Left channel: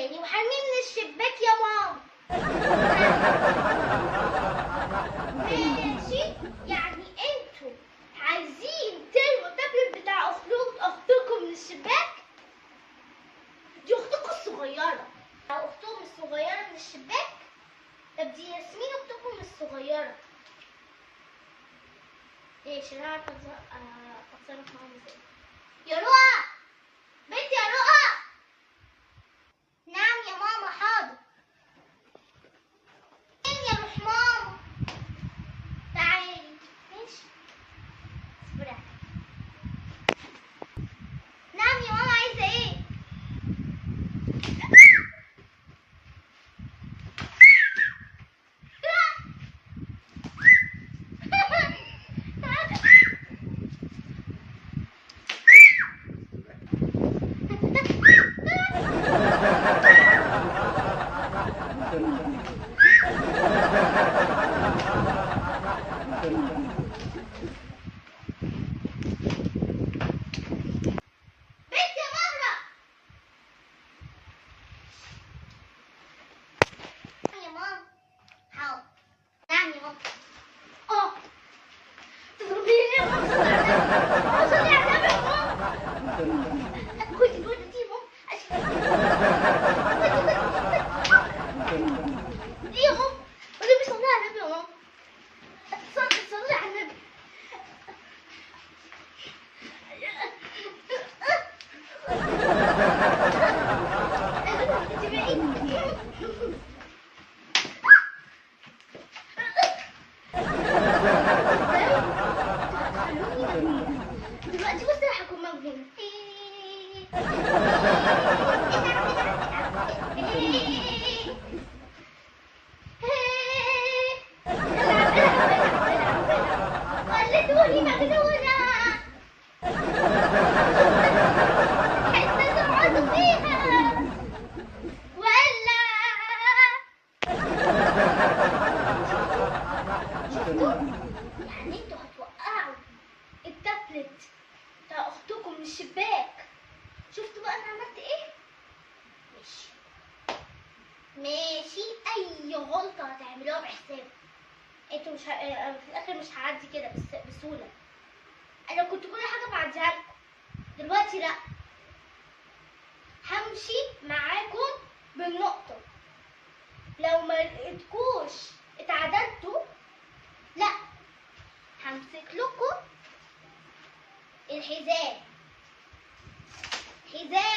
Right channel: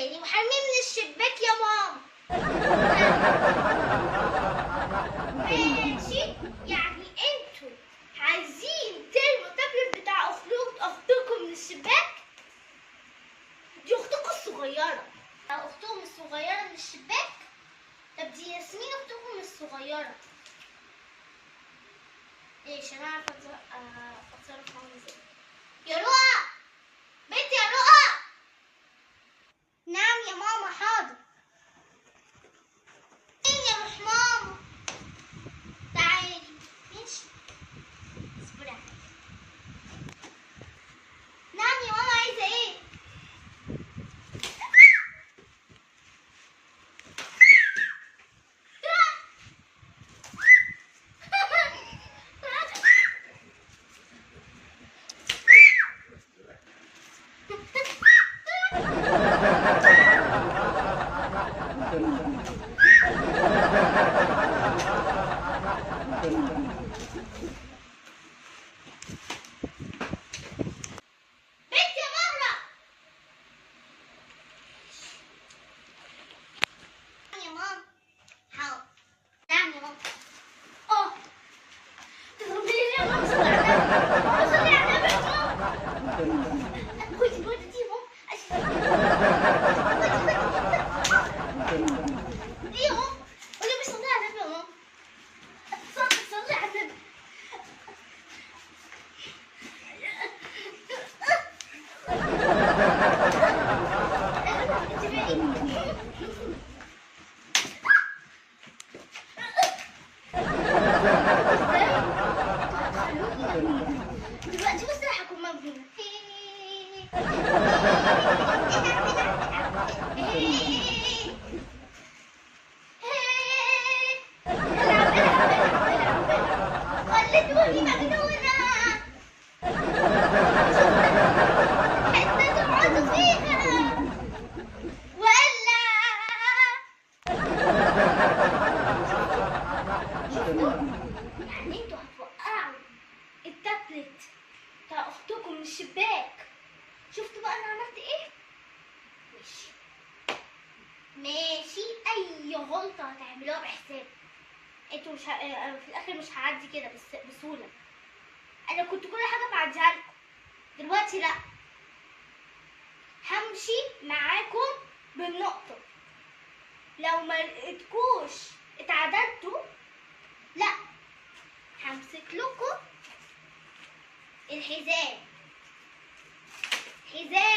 تاني وحرميه من الشباك يا ماما. ماشي، يعني انتوا عايزين ترموا التابلت بتاع اختكم من الشباك؟ دي اختكم الصغيرة. اختكم الصغيرة من الشباك؟ طب دي ياسمين اختكم الصغيرة. ايش انا عارفة اتصرف معاهم ازاي. يا رؤى، بنتي يا رؤى. نعم يا ماما، حاضر. فين يا روح ماما؟ تعالي. ماشي، اصبري عليا. نعم يا ماما، عايزة ايه؟ دلوقتي بس راح اكون مجنون. خليتوني مجنونة. حتى تقعدوا فيها ولا يعني انتوا هتوقعوا التابلت بتاع اختكم من الشباك؟ شفتوا بقى انا عملت ايه؟ ماشي ماشي، اي غلطة هتعملوها بحساب. انتوا مش في الاخر مش هعدي كده بسهولة. انا كنت كل حاجة بعديها لكم، دلوقتي لا، همشي معاكم بالنقطة. لو ما لقيتكوش اتعدلتوا، لا، همسك لكم الحزام. حزام